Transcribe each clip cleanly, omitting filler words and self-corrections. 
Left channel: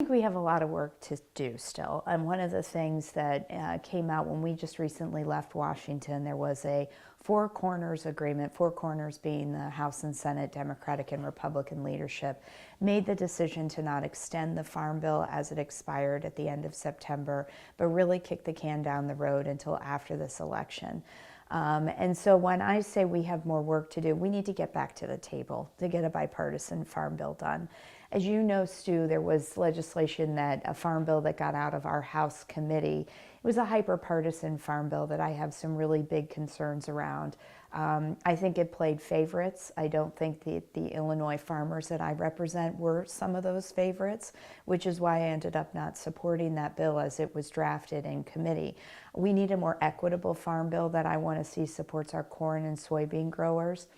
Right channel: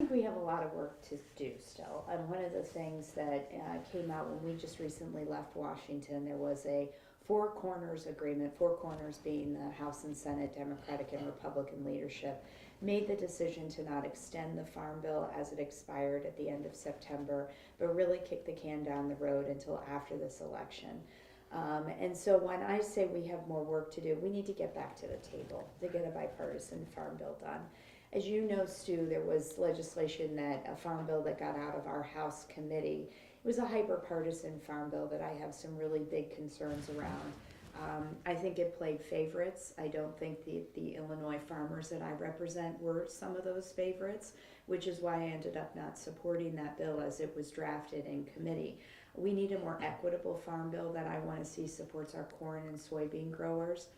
I think we have a lot of work to do still. And one of the things that came out when we just recently left Washington, there was a Four Corners agreement, Four Corners being the House and Senate Democratic and Republican leadership, made the decision to not extend the Farm Bill as it expired at the end of September, but really kick the can down the road until after this election. And so when I say we have more work to do, we need to get back to the table to get a bipartisan farm bill done. As you know, Stu, there was legislation that a farm bill that got out of our House committee. It was a hyper-partisan farm bill that I have some really big concerns around. I think it played favorites. I don't think the Illinois farmers that I represent were some of those favorites, which is why I ended up not supporting that bill as it was drafted in committee. We need a more equitable farm bill that I want to see supports our corn and soybean growers.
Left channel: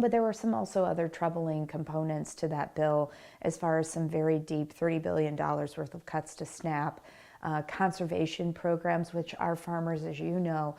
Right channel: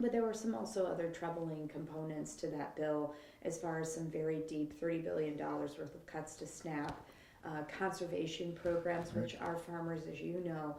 But there were some also other troubling components to that bill as far as some very deep $3 billion worth of cuts to SNAP, conservation programs, which our farmers, as you know,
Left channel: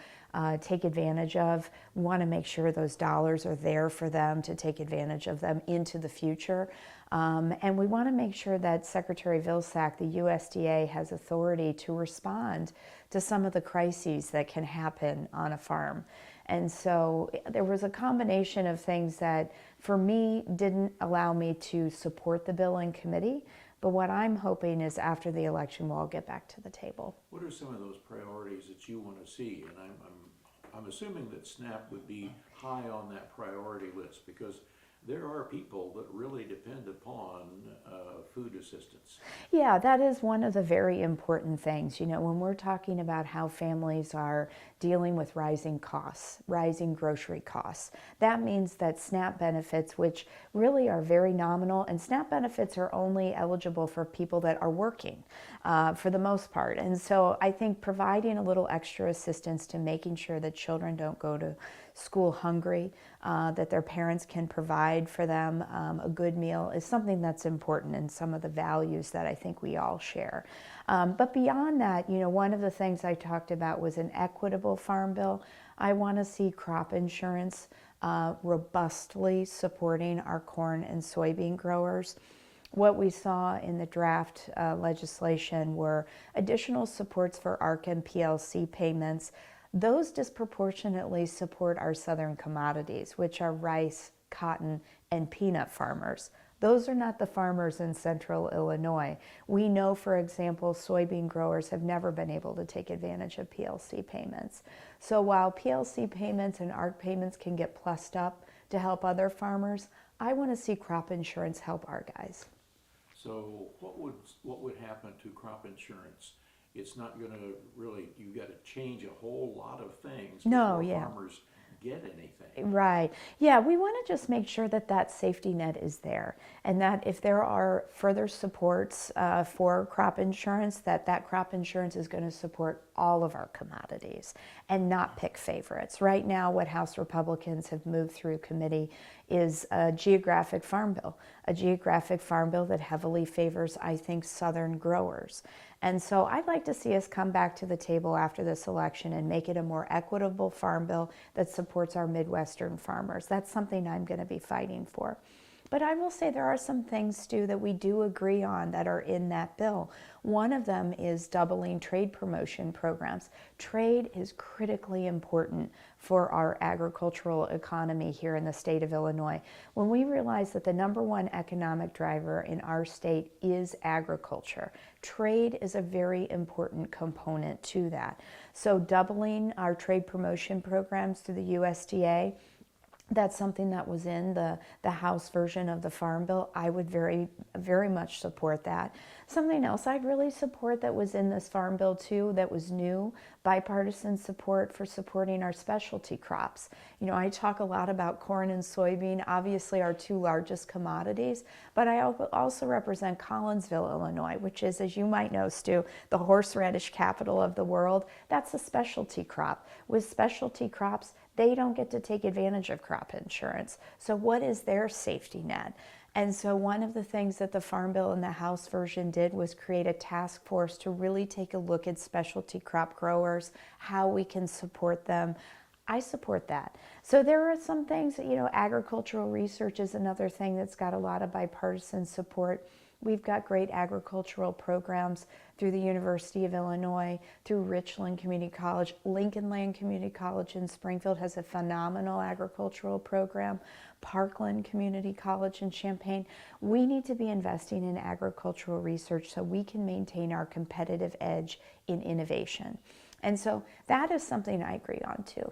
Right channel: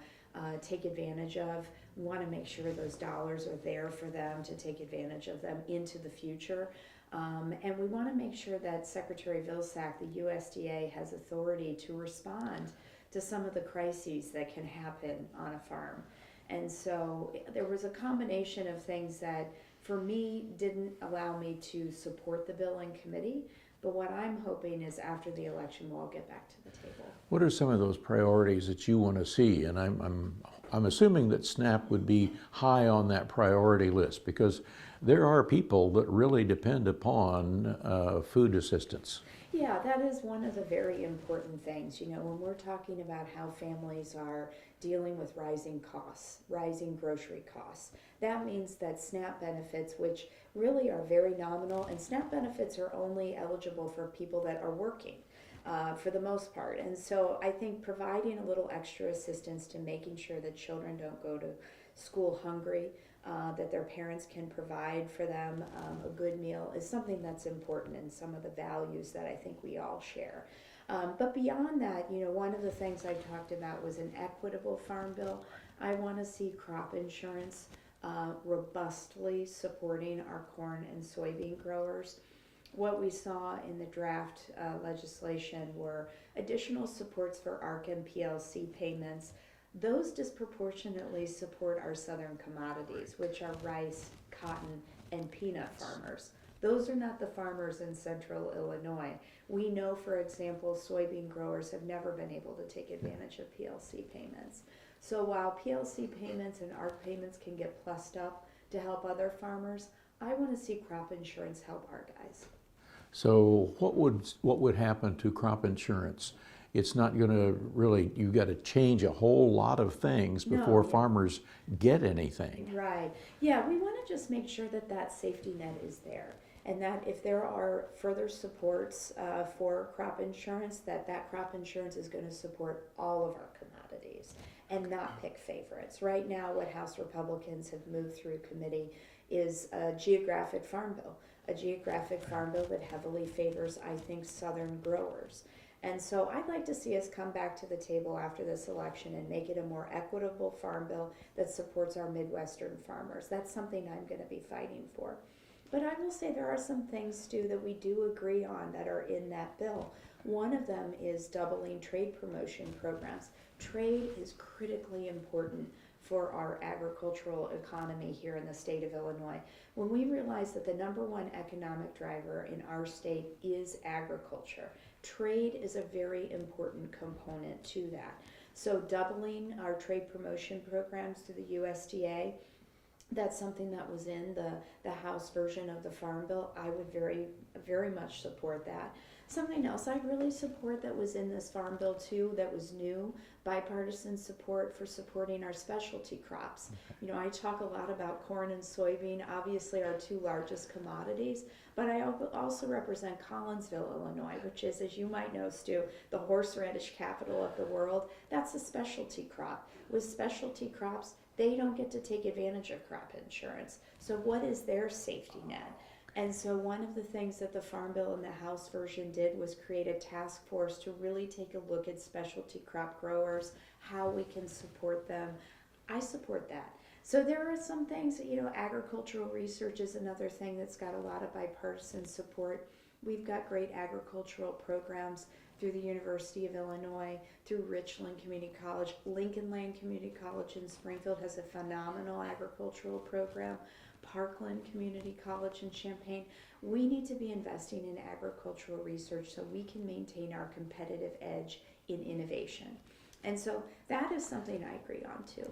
take advantage of. We want to make sure those dollars are there for them to take advantage of them into the future. And we want to make sure that Secretary Vilsack, the USDA, has authority to respond to some of the crises that can happen on a farm. And so there was a combination of things that, for me, didn't allow me to support the bill in committee. But what I'm hoping is after the election, we'll all get back to the table. What are some of those priorities that you want to see? And I'm assuming that SNAP would be high on that priority list, because there are people that really depend upon food assistance. Yeah, that is one of the very important things. You know, when we're talking about how families are dealing with rising costs, rising grocery costs, that means that SNAP benefits, which really are very nominal, and SNAP benefits are only eligible for people that are working for the most part. And so I think providing a little extra assistance to making sure that children don't go to school hungry, that their parents can provide for them a good meal is something that's important, and some of the values that I think we all share. But beyond that, you know, one of the things I talked about was an equitable farm bill. I want to see crop insurance robustly supporting our corn and soybean growers. What we saw in the draft legislation were additional supports for ARC and PLC payments. Those disproportionately support our southern commodities, which are rice, cotton, and peanut farmers. Those are not the farmers in central Illinois. We know, for example, soybean growers have never been able to take advantage of PLC payments. So while PLC payments and ARC payments can get plussed up to help other farmers, I want to see crop insurance help our guys. So what would happen to crop insurance? It's not going to really, you've got to change a whole lot of things before farmers get anything. Right. Yeah, we want to just make sure that that safety net is there, and that if there are further supports for crop insurance, that crop insurance is going to support all of our commodities and not pick favorites. Right now, what House Republicans have moved through committee is a geographic farm bill that heavily favors, I think, southern growers. And so I'd like to see us come back to the table after this election and make it a more equitable farm bill that supports our Midwestern farmers. That's something I'm going to be fighting for. But I will say there are some things, Stu, that we do agree on that are in that bill. One of them is doubling trade promotion programs. Trade is critically important for our agricultural economy here in the state of Illinois. When we realize that the #1 economic driver in our state is agriculture, trade is a very important component to that. So doubling our trade promotion programs through the USDA, that's something that was in the House version of the Farm Bill. I would very, very much support that. Something else I'd really support that was in this Farm Bill too, that was new, bipartisan support for supporting our specialty crops. You know, I talk a lot about corn and soybean, obviously our two largest commodities, but I also represent Collinsville, Illinois, which is, as you might know, Stu, the horseradish capital of the world. That's a specialty crop. With specialty crops, they don't get to take advantage of crop insurance. So what is their safety net? And so one of the things that the Farm Bill in the House version did was create a task force to really take a look at specialty crop growers, how we can support them. I support that. So there are some things, you know, agricultural research is another thing that's got a lot of bipartisan support. We've got great agricultural programs through the University of Illinois, through Richland Community College. Lincoln Land Community College in Springfield has a phenomenal agricultural program. Parkland Community College in Champaign. We need to be investing in agricultural research so we can maintain our competitive edge in innovation. And so that is something I agree on too.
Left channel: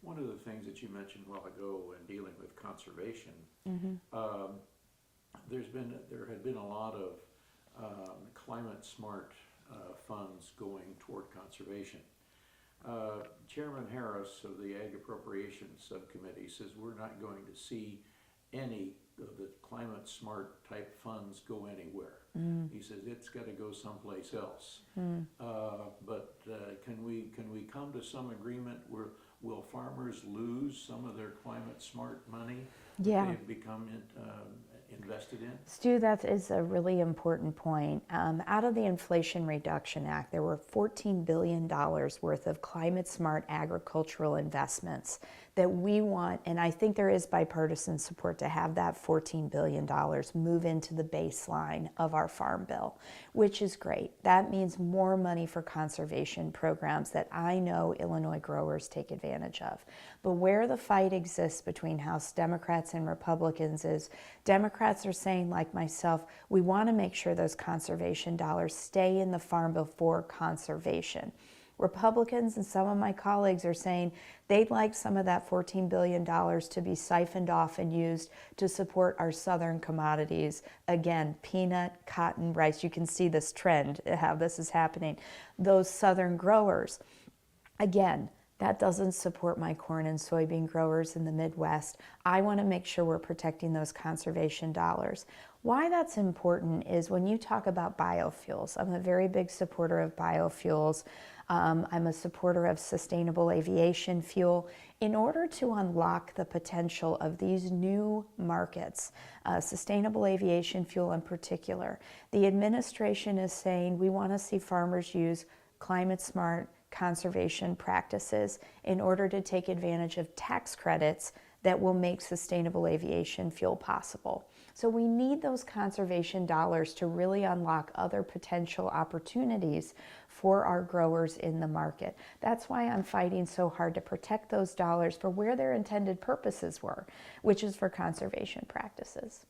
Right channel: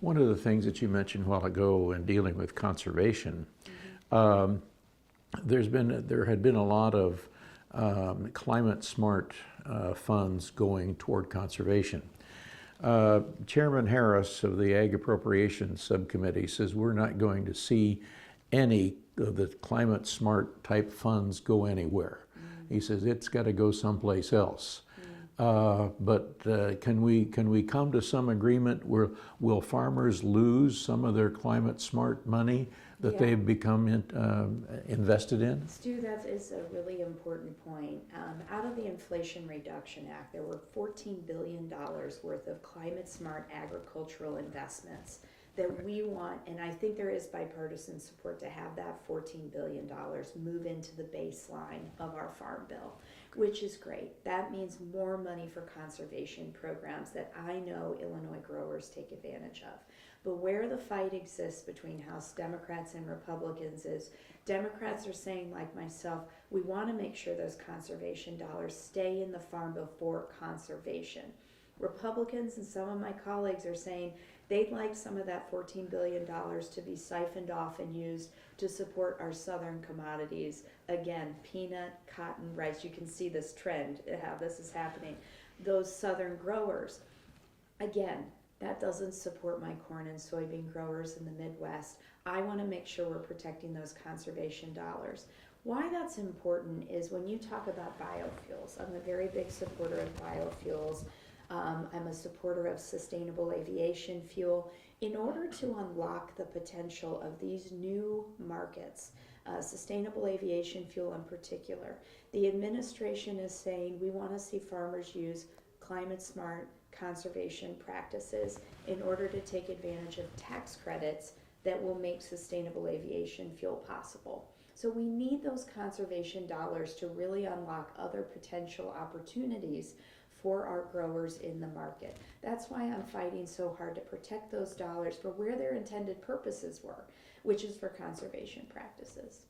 One of the things that you mentioned a while ago in dealing with conservation, there had been a lot of climate smart funds going toward conservation. Chairman Harris of the Ag Appropriations Subcommittee says we're not going to see any of the climate smart type funds go anywhere. He says it's got to go someplace else. But can we come to some agreement where will farmers lose some of their climate smart money that they've become invested in? Stu, that is a really important point. Out of the Inflation Reduction Act, there were $14 billion worth of climate smart agricultural investments that we want, and I think there is bipartisan support to have that $14 billion move into the baseline of our Farm Bill, which is great. That means more money for conservation programs that I know Illinois growers take advantage of. But where the fight exists between House Democrats and Republicans is Democrats are saying, like myself, we want to make sure those conservation dollars stay in the Farm Bill for conservation. Republicans and some of my colleagues are saying they'd like some of that $14 billion to be siphoned off and used to support our southern commodities. Again, peanut, cotton, rice. You can see this trend, how this is happening. Those southern growers, again, that doesn't support my corn and soybean growers in the Midwest. I want to make sure we're protecting those conservation dollars. Why that's important is when you talk about biofuels, I'm a very big supporter of biofuels. I'm a supporter of sustainable aviation fuel. In order to unlock the potential of these new markets, sustainable aviation fuel in particular, the administration is saying we want to see farmers use climate smart conservation practices in order to take advantage of tax credits that will make sustainable aviation fuel possible. So we need those conservation dollars to really unlock other potential opportunities for our growers in the market. That's why I'm fighting so hard to protect those dollars for where their intended purposes were, which is for conservation practices.